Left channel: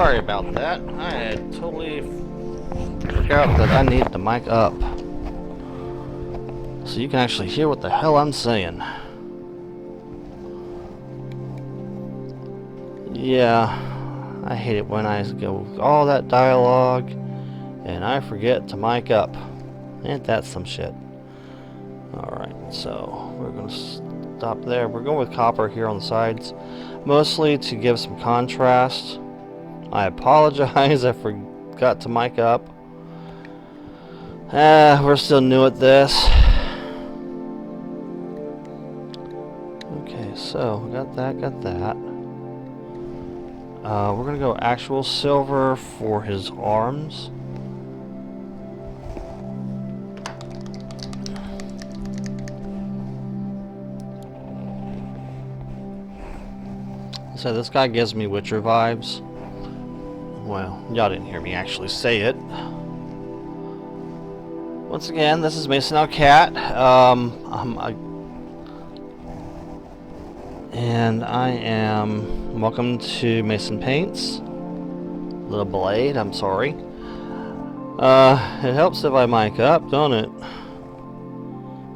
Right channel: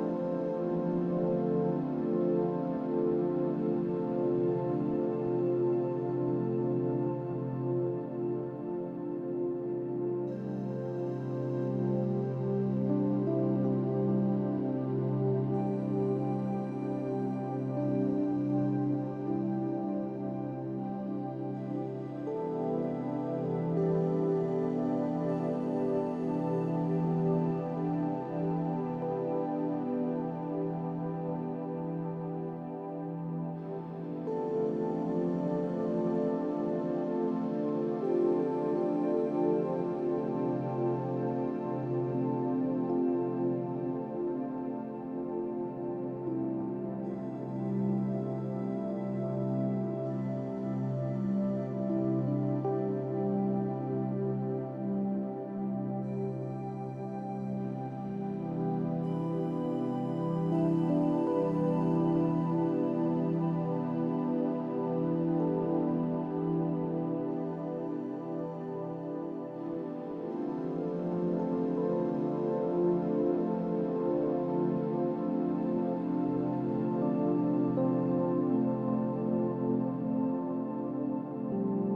Sorry about that. I had totally forgot that I need the mic up. So you can actually hear what the hell I'm saying. Yeah, I hate it when I go all that dialogue and I forget to mic up. Ain't that some shit? Alright, so we're gonna stop there. We're going with copper here on the sides, mostly to give some contrast. I apologize, I forgot to mic up. We're still new at this. Okay, so got that. We're gonna go actual silver for his arms. So this guy gives me Witcher vibes. Well, y'all didn't hear me actually say it. Once again, this is Mason Cat. And I am welcome to Mason Paints. Little blade, I'm sorry. It helps if I mic up, don't it?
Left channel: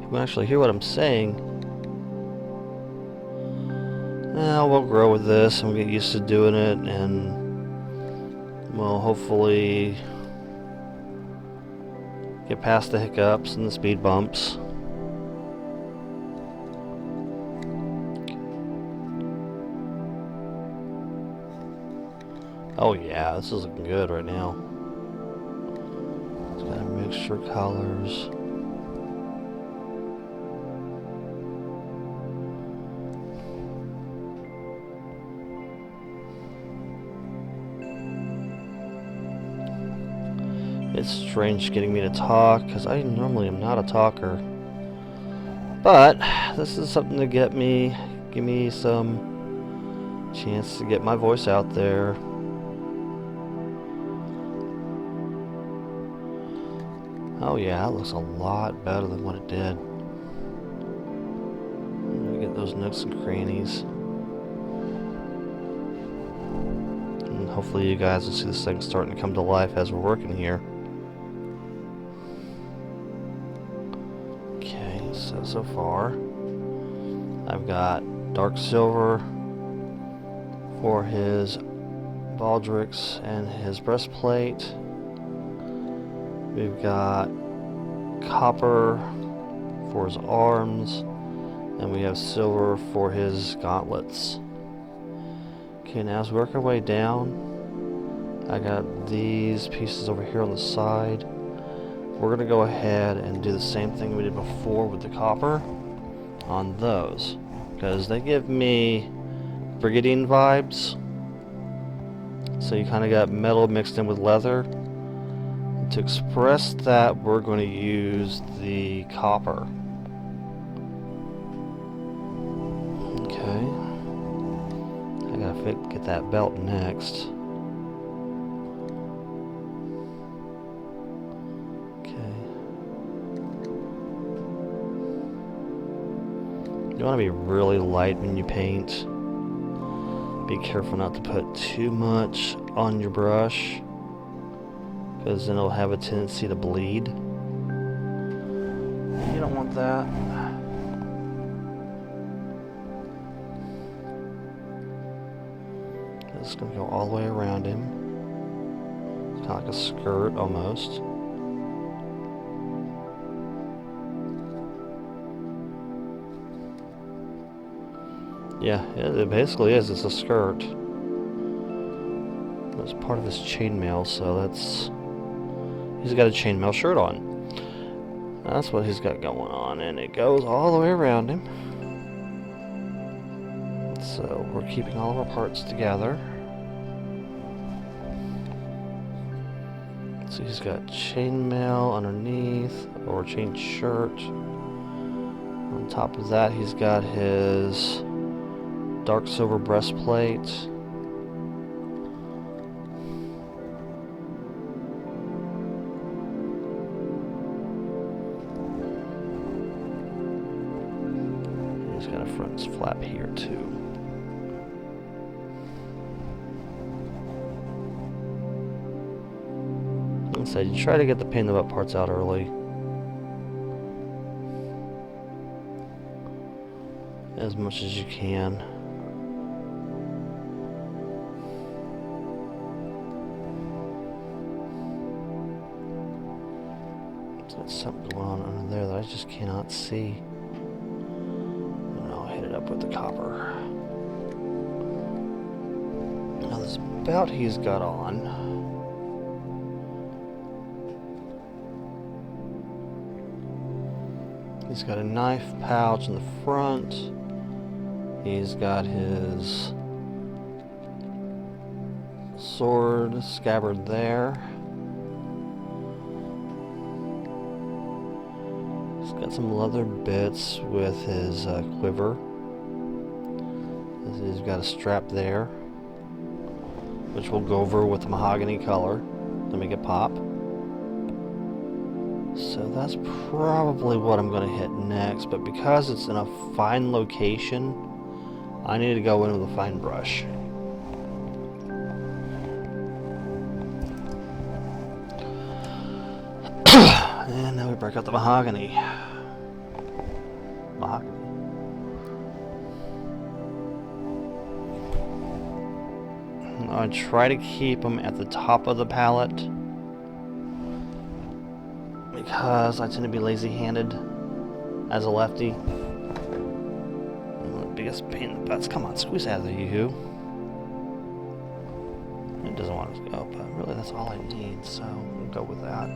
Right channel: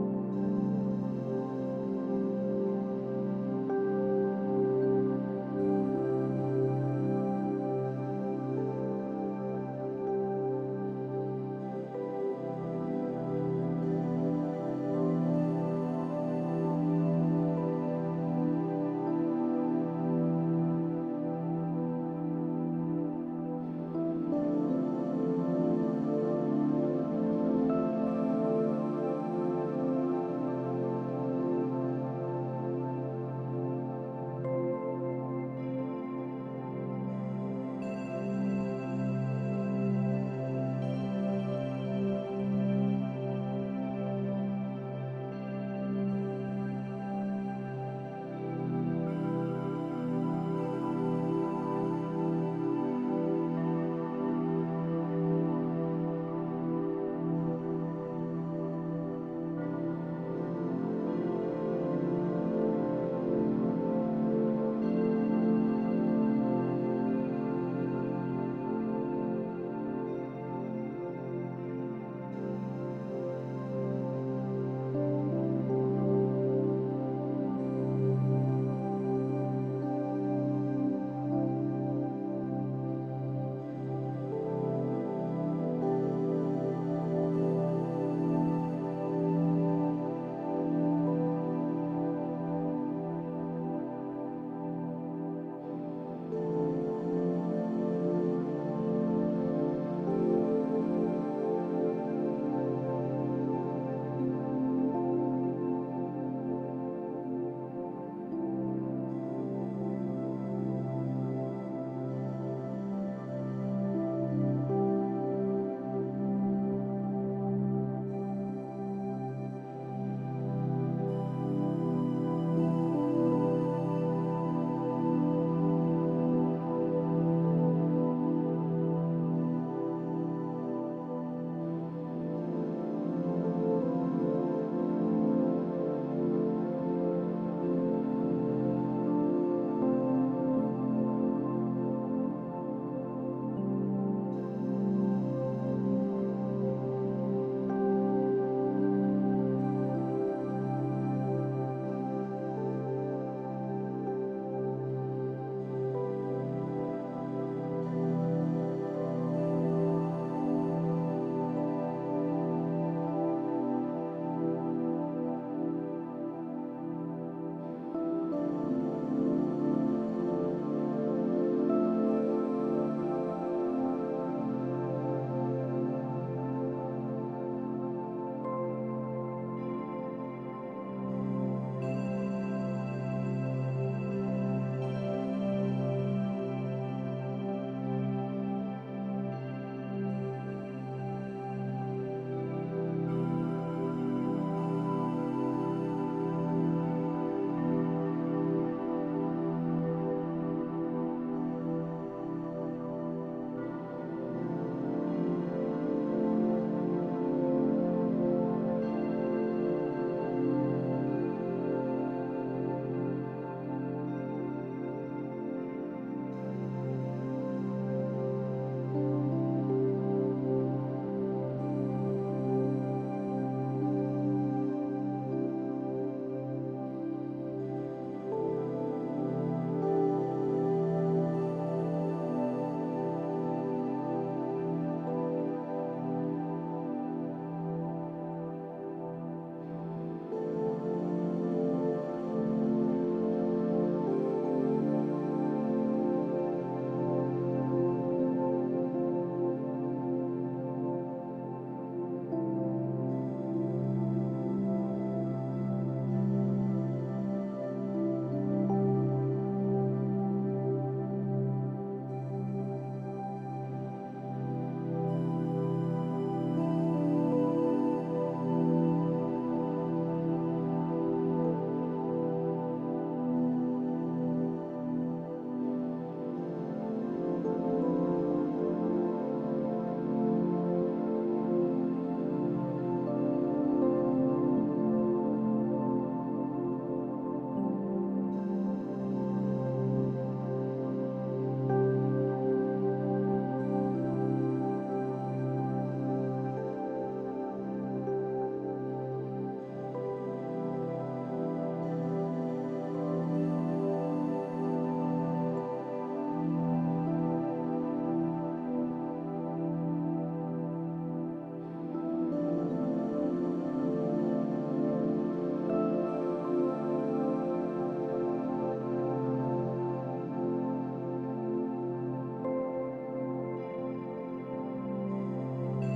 You can actually hear what I'm saying. We'll grow with this and get used to doing it, and we'll hopefully get past the hiccups and the speed bumps. Oh yeah, this is looking good right now. It's got a mixture of colors. It's strange getting me to talk, because I normally am not a talker. But this is something to give me some chance to get my voice out there. Oh yeah, that looks a lot better than what it did. Get those nooks and crannies. And hopefully you guys will see this thing starting to come to life as we're working here. So far, I've got dark silver for his baldricks and his breastplate. We've got copper for his arms, and we have silver for his gauntlets. Okay, now as we work our way down, I got these pieces over here on the side. We're going to go ahead and do the same thing we did before with the copper on those, because they give me Brigandine vibes. So you kind of got metal mixed in with leather. To express that, we're going to use the copper. Okay. I gotta get that belt next. You want to be really light when you paint. Be careful not to put too much on your brush, because then it'll have a tendency to bleed. You don't want that. It's going to go all the way around him. It's kind of like a skirt almost. Yeah, it basically is. It's a skirt. It's part of his chainmail, so that's... He's got a chainmail shirt on. That's what he's got going on, and it goes all the way around him. So we're keeping all of our parts together. So he's got chainmail underneath, or chain shirt. On top of that, he's got his dark silver breastplate. He's got a front flap here too. try to get the pain in the butt parts out early. As much as you can. There's something going on under there that I just cannot see. And I'll hit it up with the copper. Now this belt he's got on. He's got a knife pouch in the front. He's got his sword scabbard there. He's got some leather bits with his quiver. He's got a strap there, which we'll go over with the mahogany color to make it pop. So that's probably what I'm going to hit next, but because it's in a fine location, I need to go in with a fine brush. And now we break out the mahogany. I try to keep them at the top of the palette because I tend to be lazy-handed as a lefty. My biggest pain in the butts. Come on, squeeze out of there, you. It doesn't want to go, but really that's all I need, so we'll go with that.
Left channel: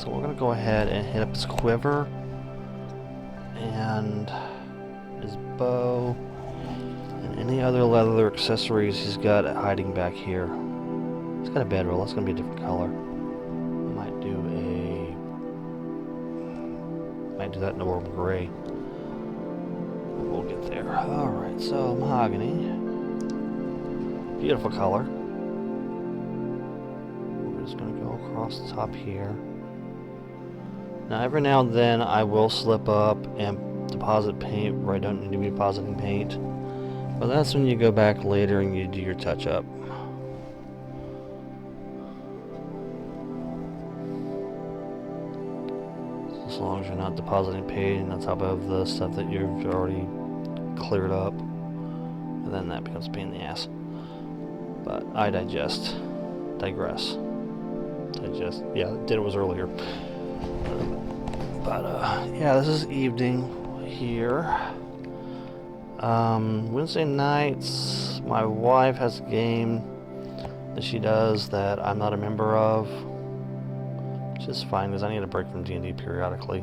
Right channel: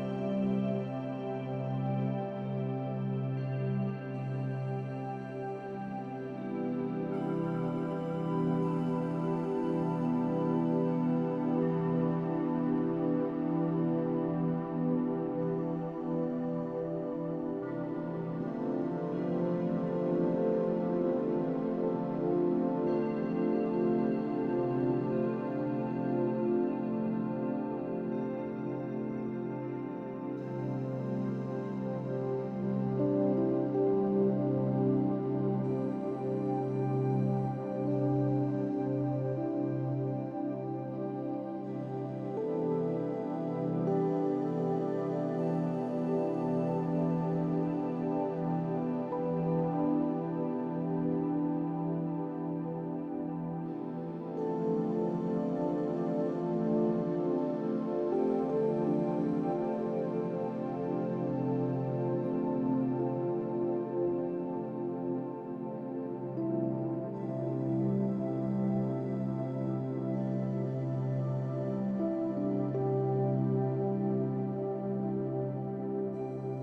So we're going to go ahead and hit up his quiver and his bow and any other leather accessories he's got hiding back here. It's got a bedroll. That's going to be a different color. Might do that in a world of gray. We'll get there. Alright, so mahogany. Beautiful color. I'm just going to go across the top here. Now every now and then I will slip up and deposit paint where I don't need to be depositing paint. But that's when you go back later and you do your touch-up. As long as you're not depositing paint on top of the stuff that you've already cleared up. And then that becomes a pain in the ass. But I digress. Yeah, did it was earlier. But yeah, this is evening here. Wednesday nights, my wife has a game that she does that I'm not a member of, which is fine because I need a break from D&D periodically.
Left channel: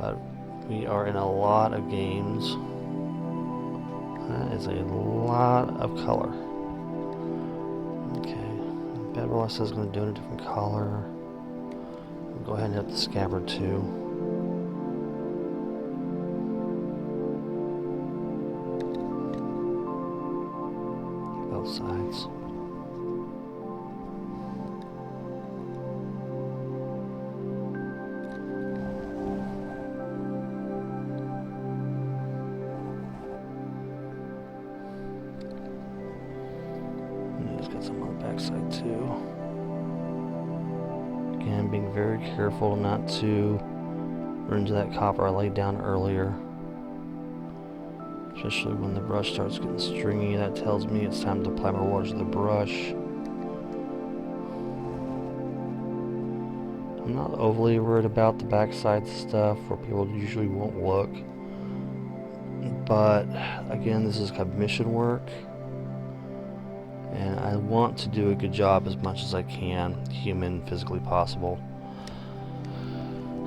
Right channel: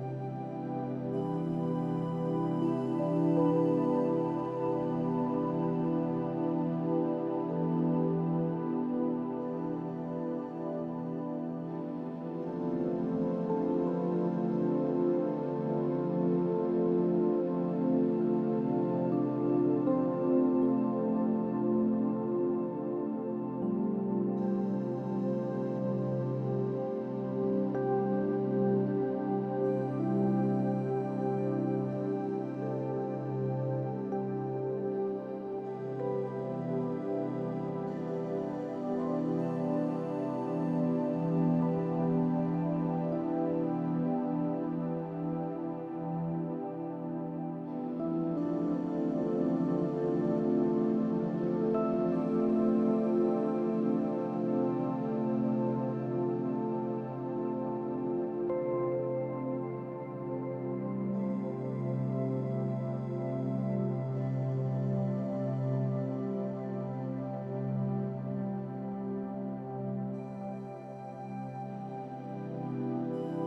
But we are in a lot of games. That is a lot of color. Okay, Bedroll says it's going to do it in a different color. I'll go ahead and hit the scabbard too. Sides. And it's got some on the back side too. Again, being very careful not to run into that copper I laid down earlier. Especially when the brush starts getting stringy, that tells me it's time to apply more water to the brush. I'm not overly worried about the backside stuff where people usually won't look. But again, this is commission work. And I want to do a good job as much as I can, human, physically possible.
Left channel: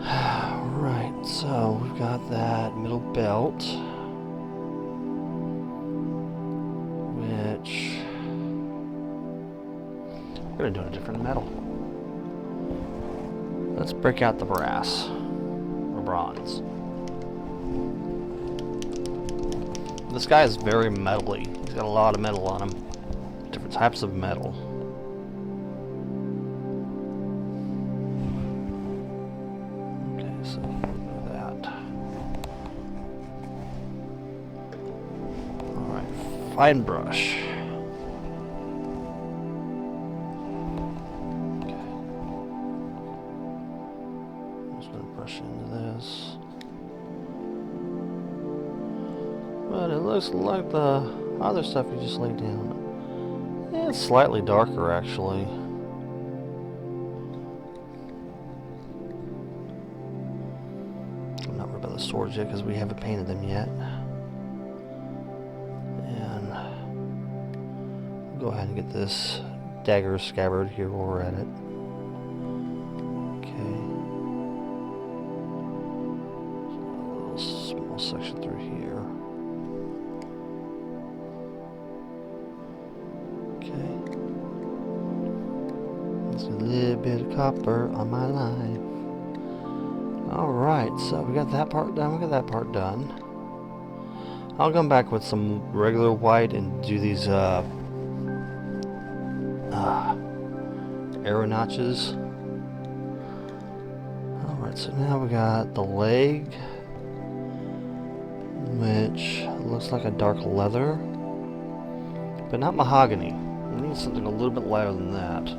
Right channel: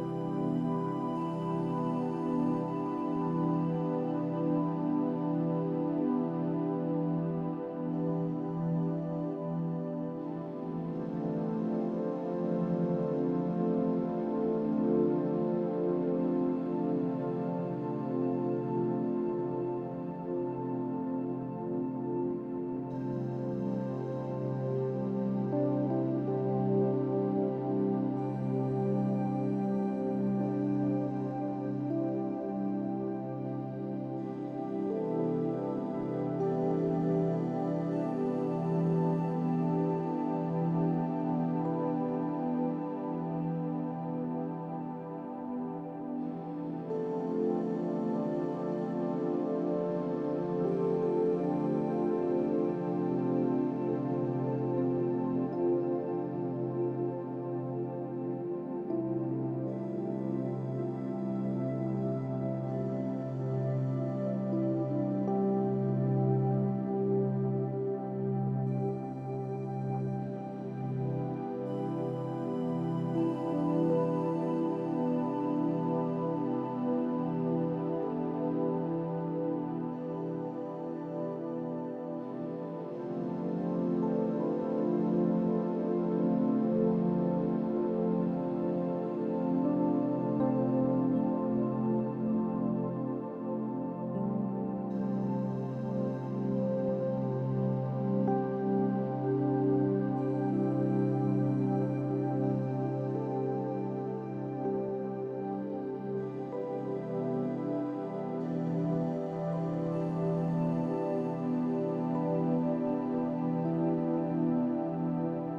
Alright, so we've got that middle belt. We're going to do a different metal. Let's break out the brass, or bronze. This guy is very metally. He's got a lot of metal on him. Different types of metal. Okay, so that. Alright, fine brush. looks like the other stuff you just laid down. Yeah, it's slightly darker actually. I'm not worried about the swords yet because we haven't painted them yet. And go ahead and get this dagger scabbard here while we're at it. Section through here. Okay. There's a little bit of copper on my line. Alright, so we got that part done, we got that part done. I'll come back with some regular white and do these arrow notches. Alright, so now we got the leg, which looks like a dark leather, but not mahogany. We need something a little bit lighter than that.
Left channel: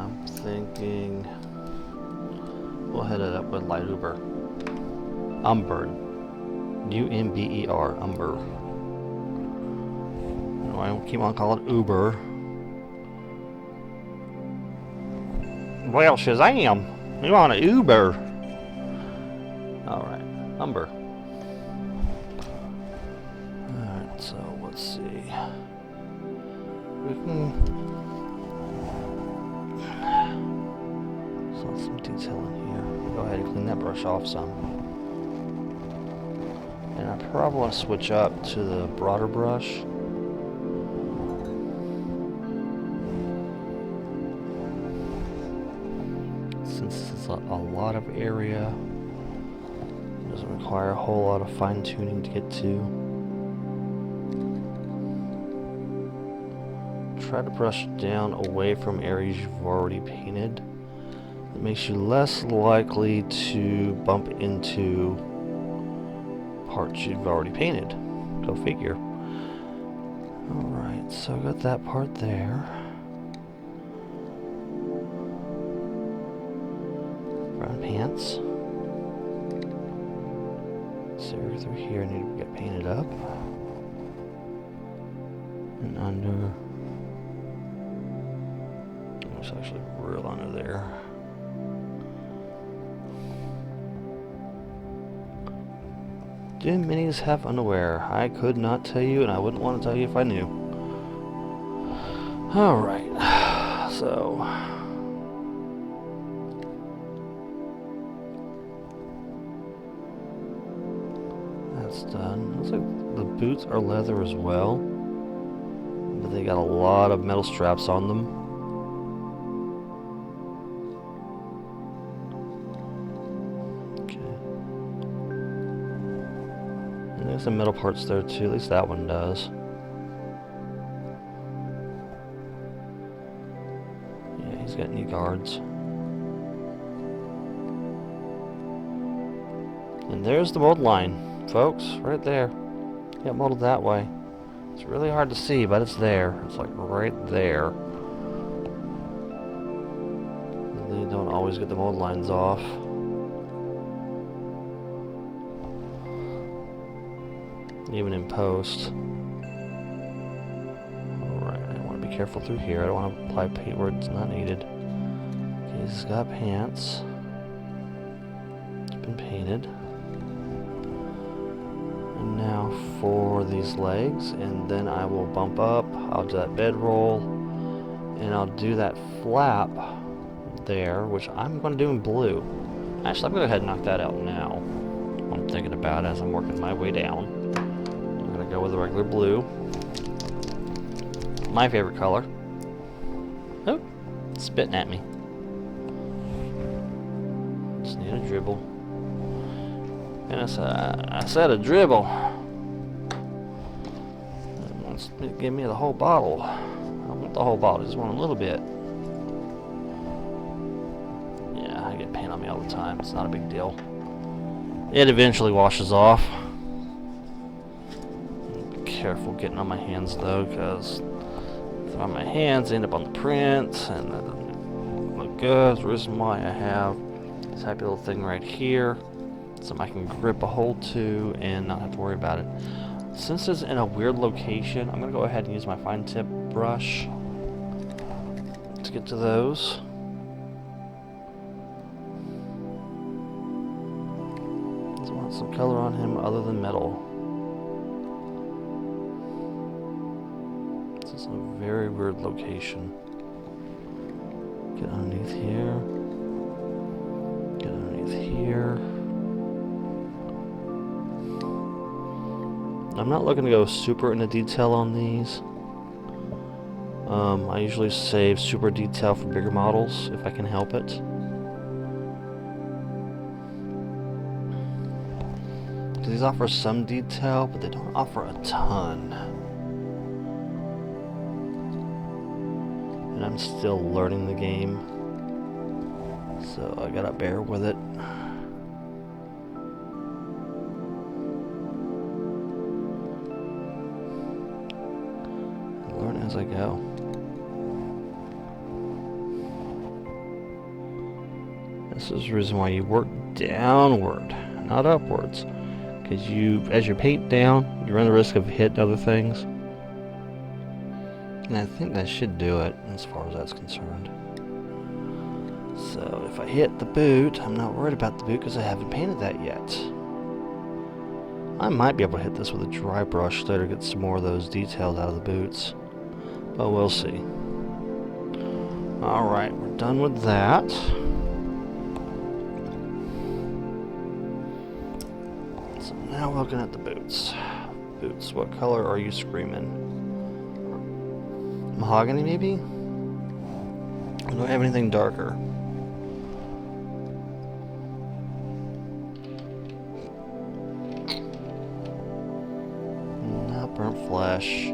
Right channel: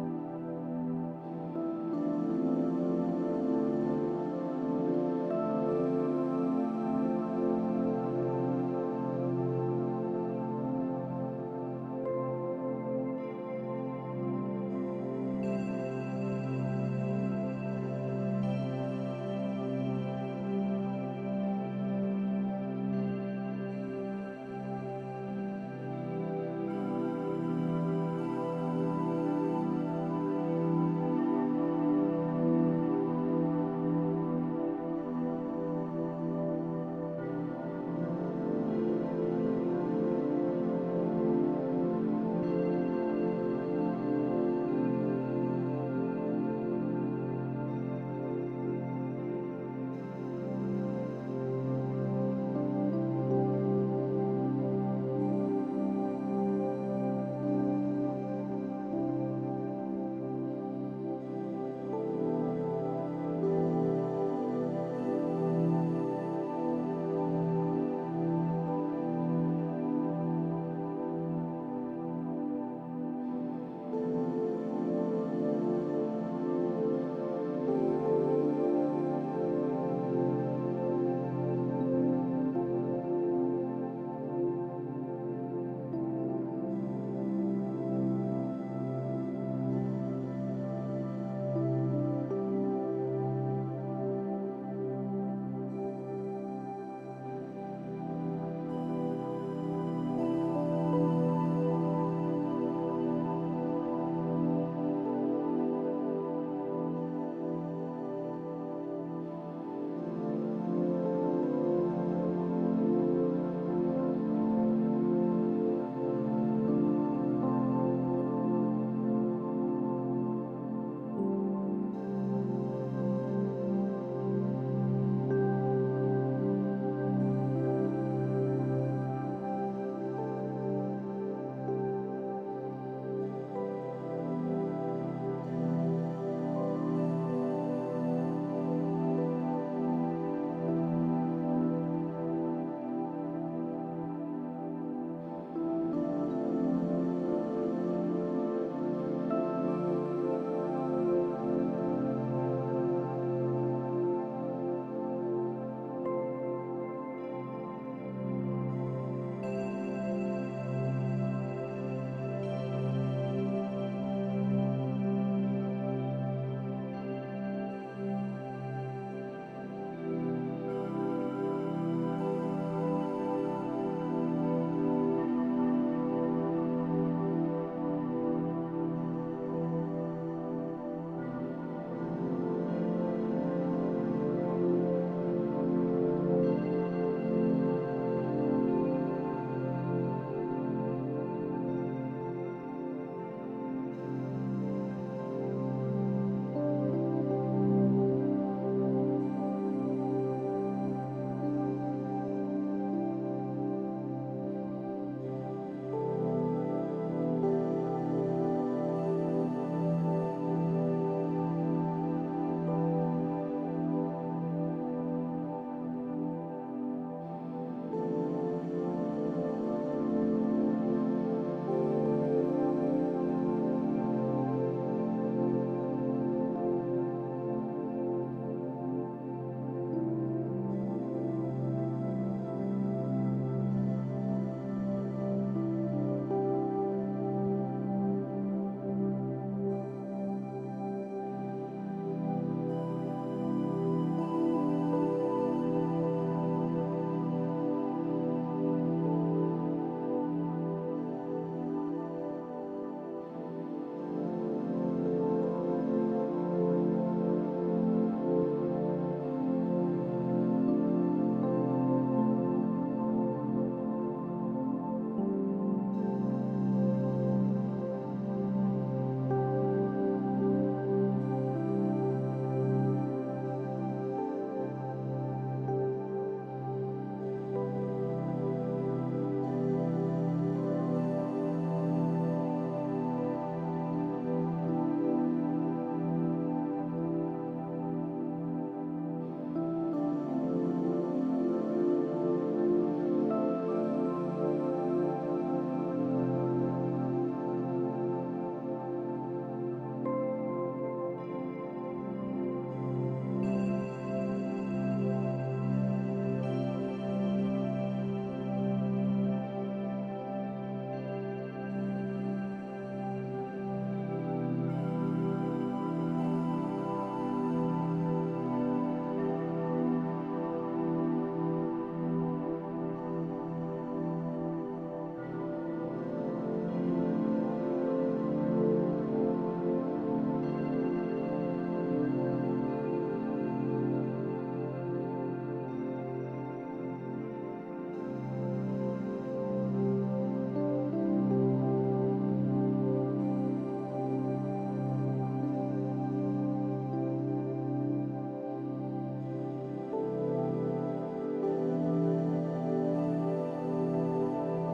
I'm thinking we'll head it up with light umber. Umber. U-M-B-E-R. Umber. I keep on calling it Uber. Well, Shazam! We want an Uber. Alright, umber. So let's see. We can some detail in here. Go ahead and clean that brush off some. And I probably want to switch up to the broader brush. Since it's a lot of area, it doesn't require a whole lot of fine tuning to get to. Try to brush down away from areas you've already painted. It makes you less likely to bump into parts you've already painted. Go figure. Alright, so I got that part there. Brown pants. So through here I need to get painted up. And under. There's actually real under there. Do minis have underwear? I could not tell you, and I wouldn't want to tell you if I knew. Alright, so that's done. Looks like the boots are leather as well, but they got a lot of metal straps on them. Some metal parts there too, at least that one does. Yeah, he's got knee guards. And there's the mold line, folks, right there. Get molded that way. It's really hard to see, but it's there. It's like right there. And then you don't always get the mold lines off. Even in post. Alright, I want to be careful through here. I don't want to apply paint where it's not needed. Okay, he's got pants. It's been painted. And now for these legs, and then I will bump up. I'll do that bedroll, and I'll do that flap there, which I'm going to do in blue. Actually, I'm going to go ahead and knock that out now. I'm thinking about it as I'm working my way down. With a regular blue. My favorite color. Oh, spitting at me. Just need a dribble. And I said a dribble. Let's give me the whole bottle. I don't want the whole bottle, I just want a little bit. Yeah, I get paint on me all the time. It's not a big deal. It eventually washes off. Careful getting on my hands though, because if on my hands end up on the print and that doesn't look good. That's the reason why I have this happy little thing right here, so I can grip a hold to and not have to worry about it. Since it's in a weird location, I'm going to go ahead and use my fine tip brush to get to those. Just want some color on him other than metal. This is a very weird location. Get underneath here. Get underneath here. I'm not looking to go super into detail on these. I usually save super detail for bigger models if I can help it. These offer some detail, but they don't offer a ton. And I'm still learning the game, so I gotta bear with it. Learn as I go. This is the reason why you work downward, not upwards. Because as you paint down, you run the risk of hitting other things. And I think that should do it as far as that's concerned. So if I hit the boot, I'm not worried about the boot because I haven't painted that yet. I might be able to hit this with a dry brush later to get some more of those details out of the boots. But we'll see. Alright, we're done with that. Now looking at the boots. Boots, what color are you screaming? Mahogany, maybe? I don't have anything darker. Not burnt flesh.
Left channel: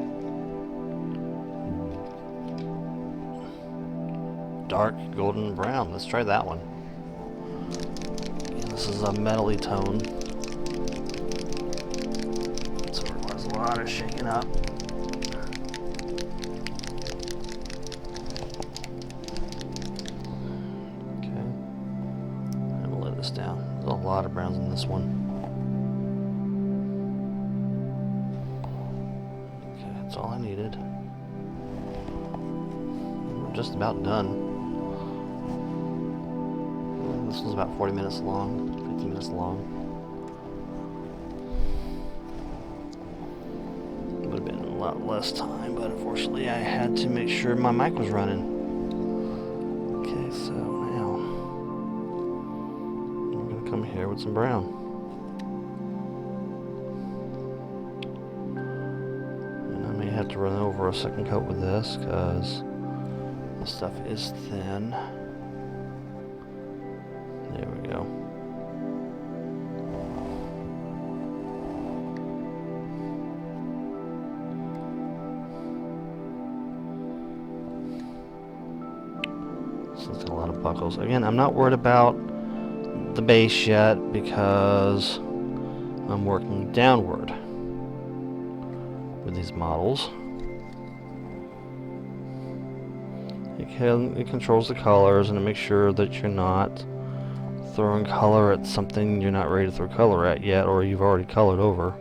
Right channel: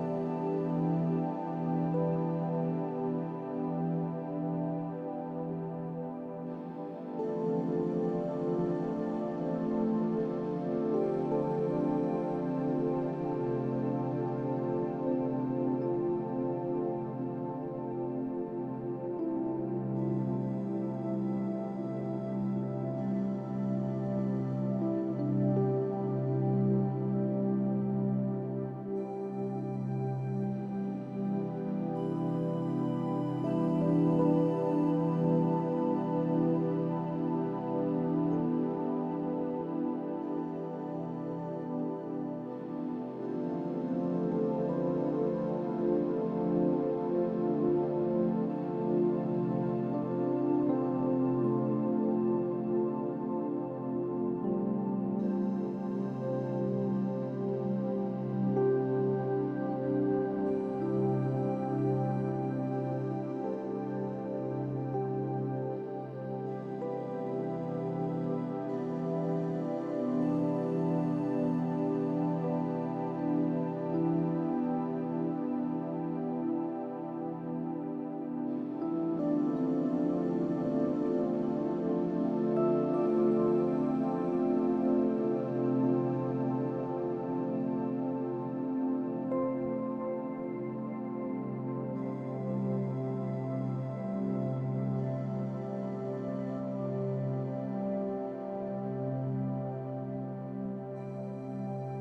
Dark golden brown. Let's try that one. This is a metally tone. A lot of shaking up. Okay. I'm gonna lay this down. There's a lot of browns in this one. Okay, that's all I needed. I'm just about done. This was about 40 minutes long, 50 minutes long. Less time, but unfortunately I had to make sure my mic was running. Okay, so now I'm going to come here with some brown. And I may have to run over a second coat with this because the stuff is thin. There we go. It's a lot of buckles. Again, I'm not worried about the base yet because I'm working downward with these models. It controls the colors and it makes sure that you're not throwing color at something you're not ready to throw color at yet, or you've already colored over.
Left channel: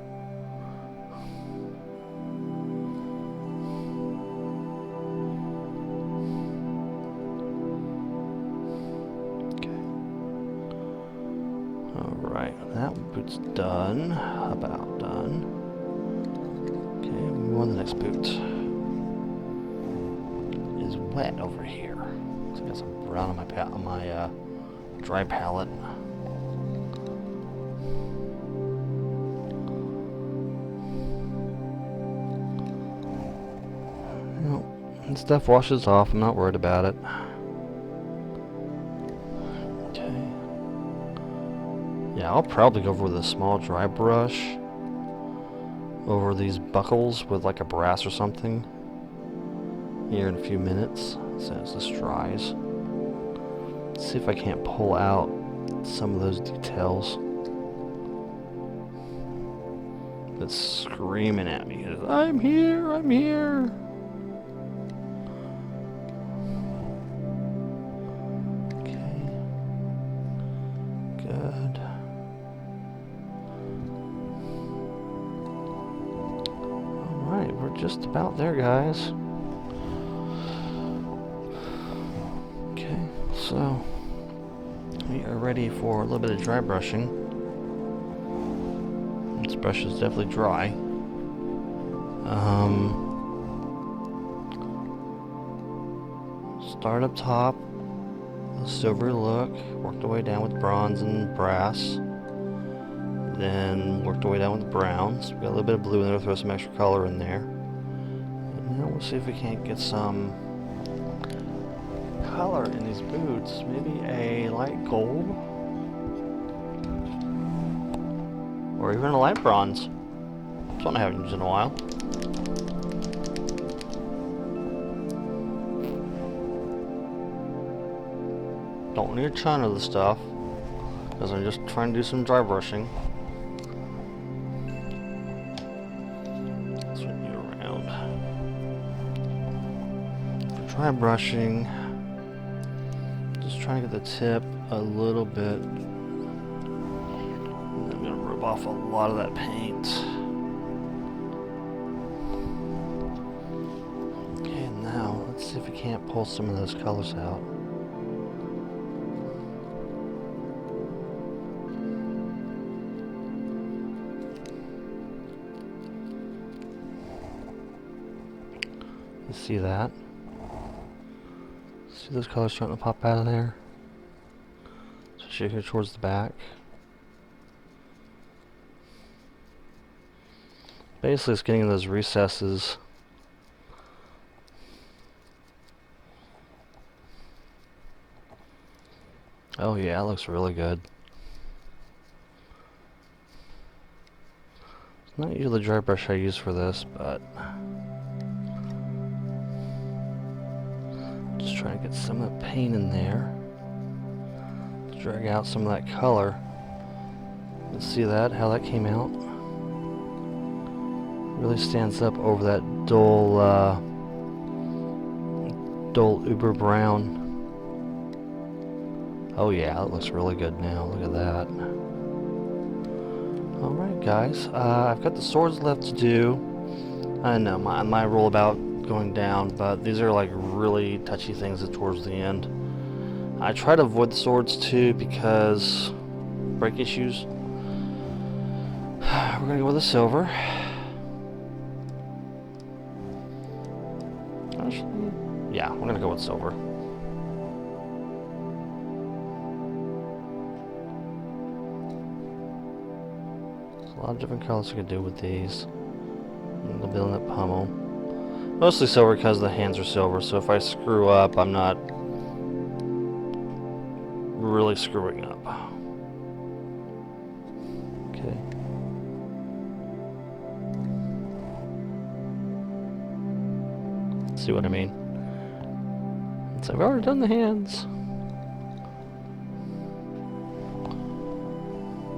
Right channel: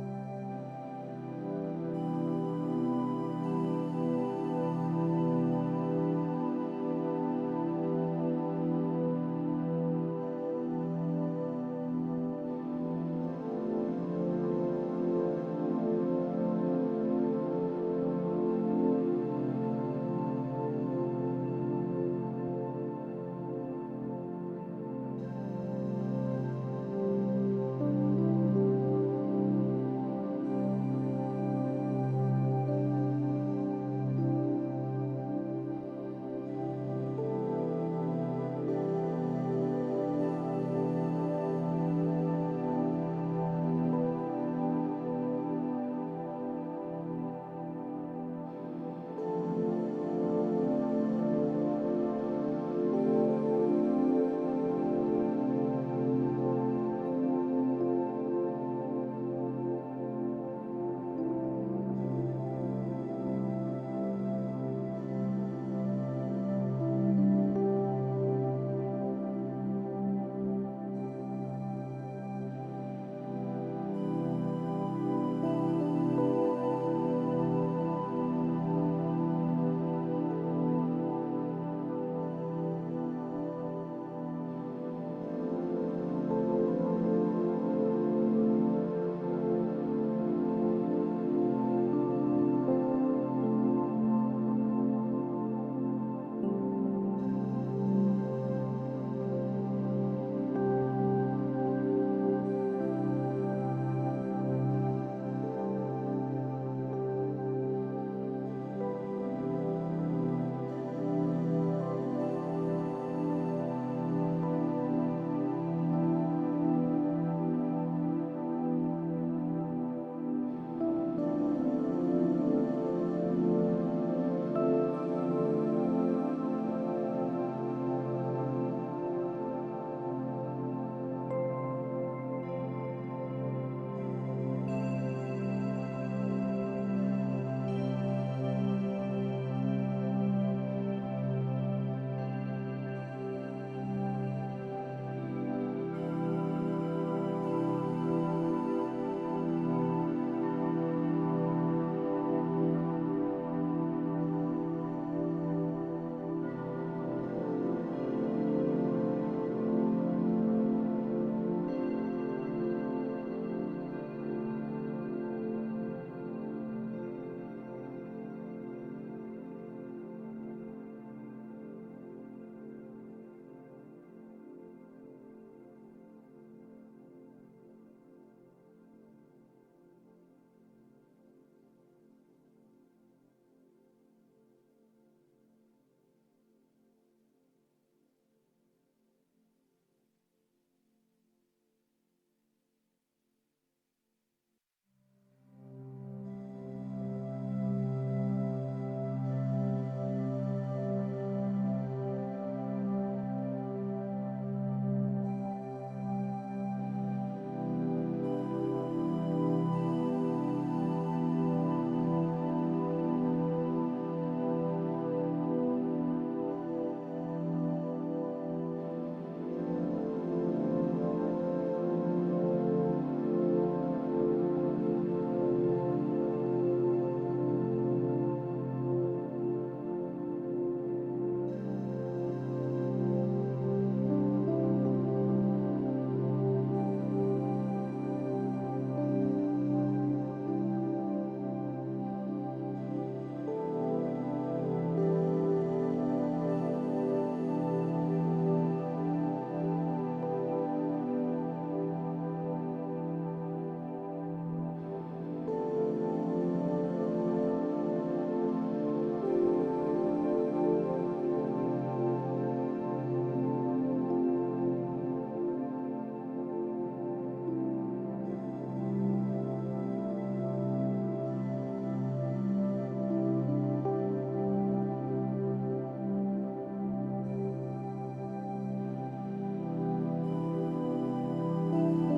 Boot's done. About done. Okay, move on to the next boot. It is wet over here. So I got some brown on my dry palette. Well, stuff washes off. I'm not worried about it. I'll probably go over with a small dry brush over these buckles with like a brass or something here in a few minutes as this dries. Let's see if I can't pull out some of those details. It's screaming at me. I'm here, I'm here. about there, guys. Okay, so we are ready for a little bit of dry brushing. This brush is definitely dry. Start up top, the silver look, worked our way down with bronze and brass, then worked our way down with browns. We got a little bit of blue in there, throw some extra color in there. And now we'll see if we can't get some color in these boots, maybe a light gold, or even a light bronze. That's one I haven't used in a while. Don't need a ton of the stuff, because I'm just trying to do some dry brushing. Swing you around. For dry brushing, just trying to get the tip a little bit. I'm going to rub off a lot of that paint. Okay, now let's see if we can't pull some of those colors out. See that? See those colors starting to pop out of there? Especially here towards the back. Basically, it's getting in those recesses. Oh yeah, it looks really good. It's not usually the dry brush I use for this, but just trying to get some of the paint in there. Drag out some of that color. Let's see that, how that came out. Really stands up over that dull uber brown. Oh yeah, it looks really good now. Look at that. Alright guys, I've got the swords left to do. I know my rule about going down, but these are like really touchy things towards the end. I try to avoid the swords too because break issues. We're gonna go with the silver. Yeah, we're gonna go with silver. There's a lot of different colors you can do with these. A little bit on that pommel. Mostly silver because the hands are silver, so if I screw up, I'm not really screwing up. Okay. See what I mean? So I've already done the hands.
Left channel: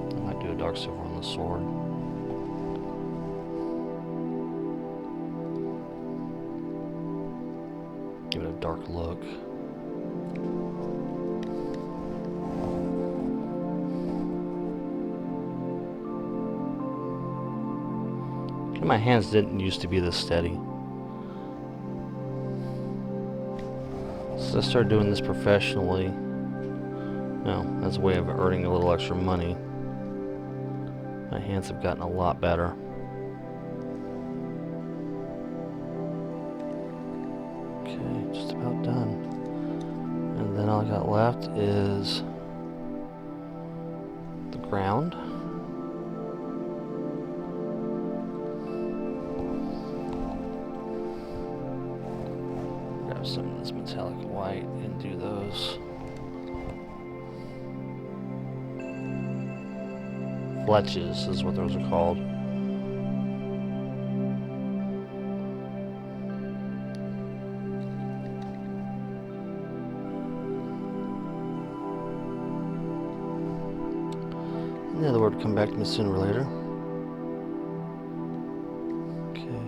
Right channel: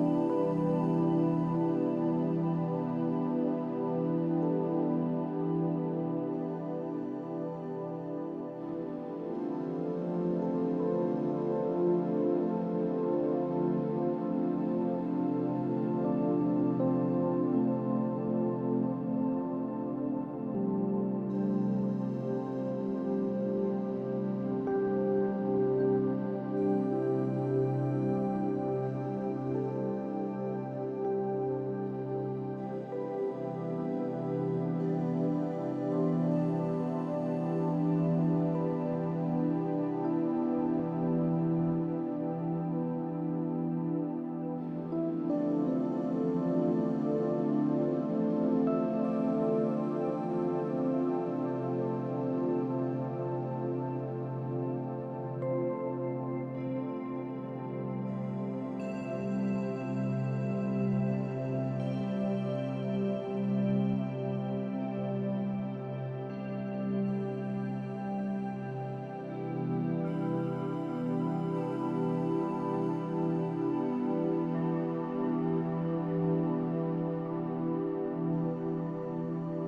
I might do a dark silver on the sword. Give it a dark look. My hands didn't used to be this steady. So I started doing this professionally. Well, as a way of earning a little extra money. My hands have gotten a lot better. Okay, just about done. And then all I got left is the ground. Grab some of this metallic white and do those fletches is what those are called. The other word come back to me sooner or later. Okay.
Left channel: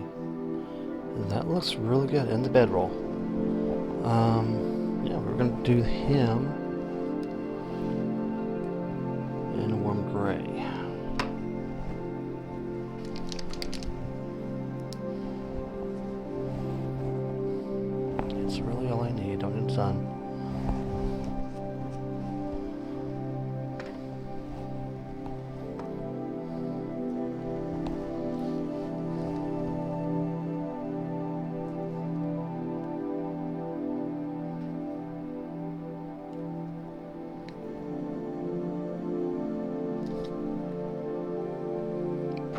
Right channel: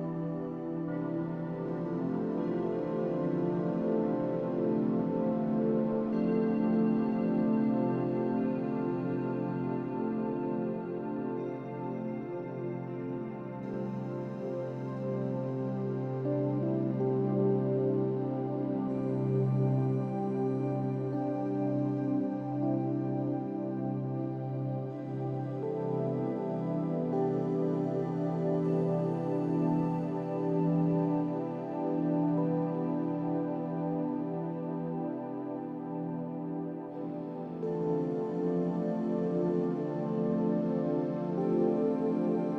And that looks really good. And the bedroll. Yeah, we're gonna do him in a warm gray.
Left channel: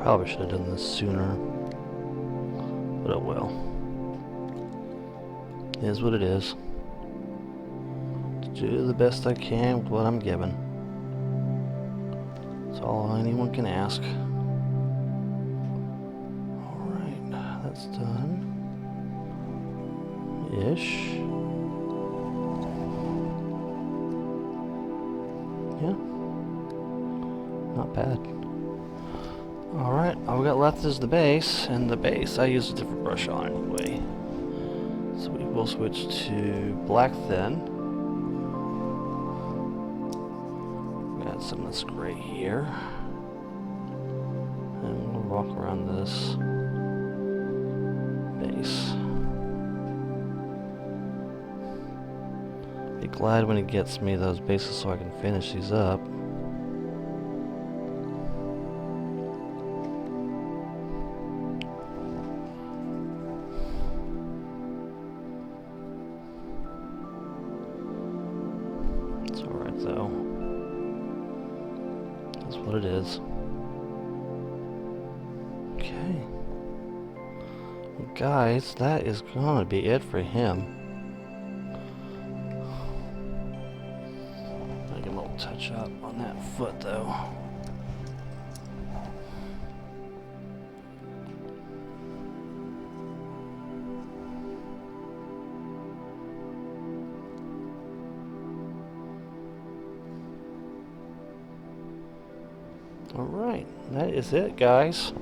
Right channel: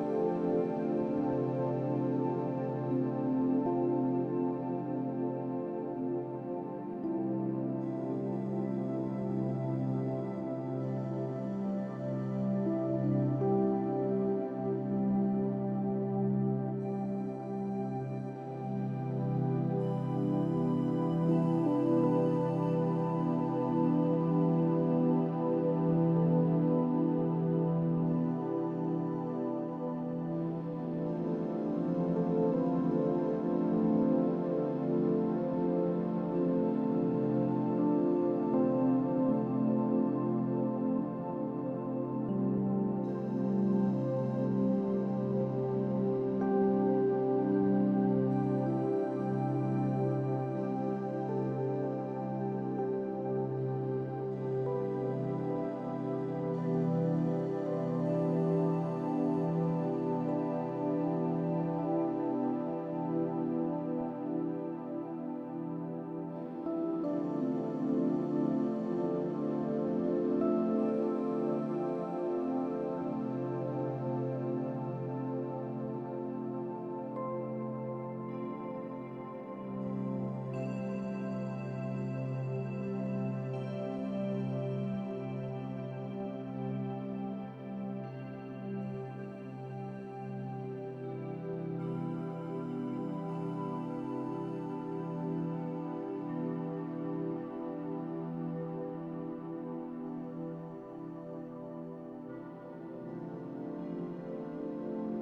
Probably should have done this sooner. But oh well. It is what it is. Do the best I can with what I'm given. That's all anyone can ask. Alright, that's done. Ish. Yeah. Not bad. Alright, all we got left is the base, and the base I use a different brush on anyway. So we will switch to black thin. Got some of this gray here. And we'll walk around this base. Be glad when it gets me those bases so I can finish these up. What it is. Okay. Well, guys, that is gonna be it for him. Make a little touch up on that foot though. Alright, that is it, guys.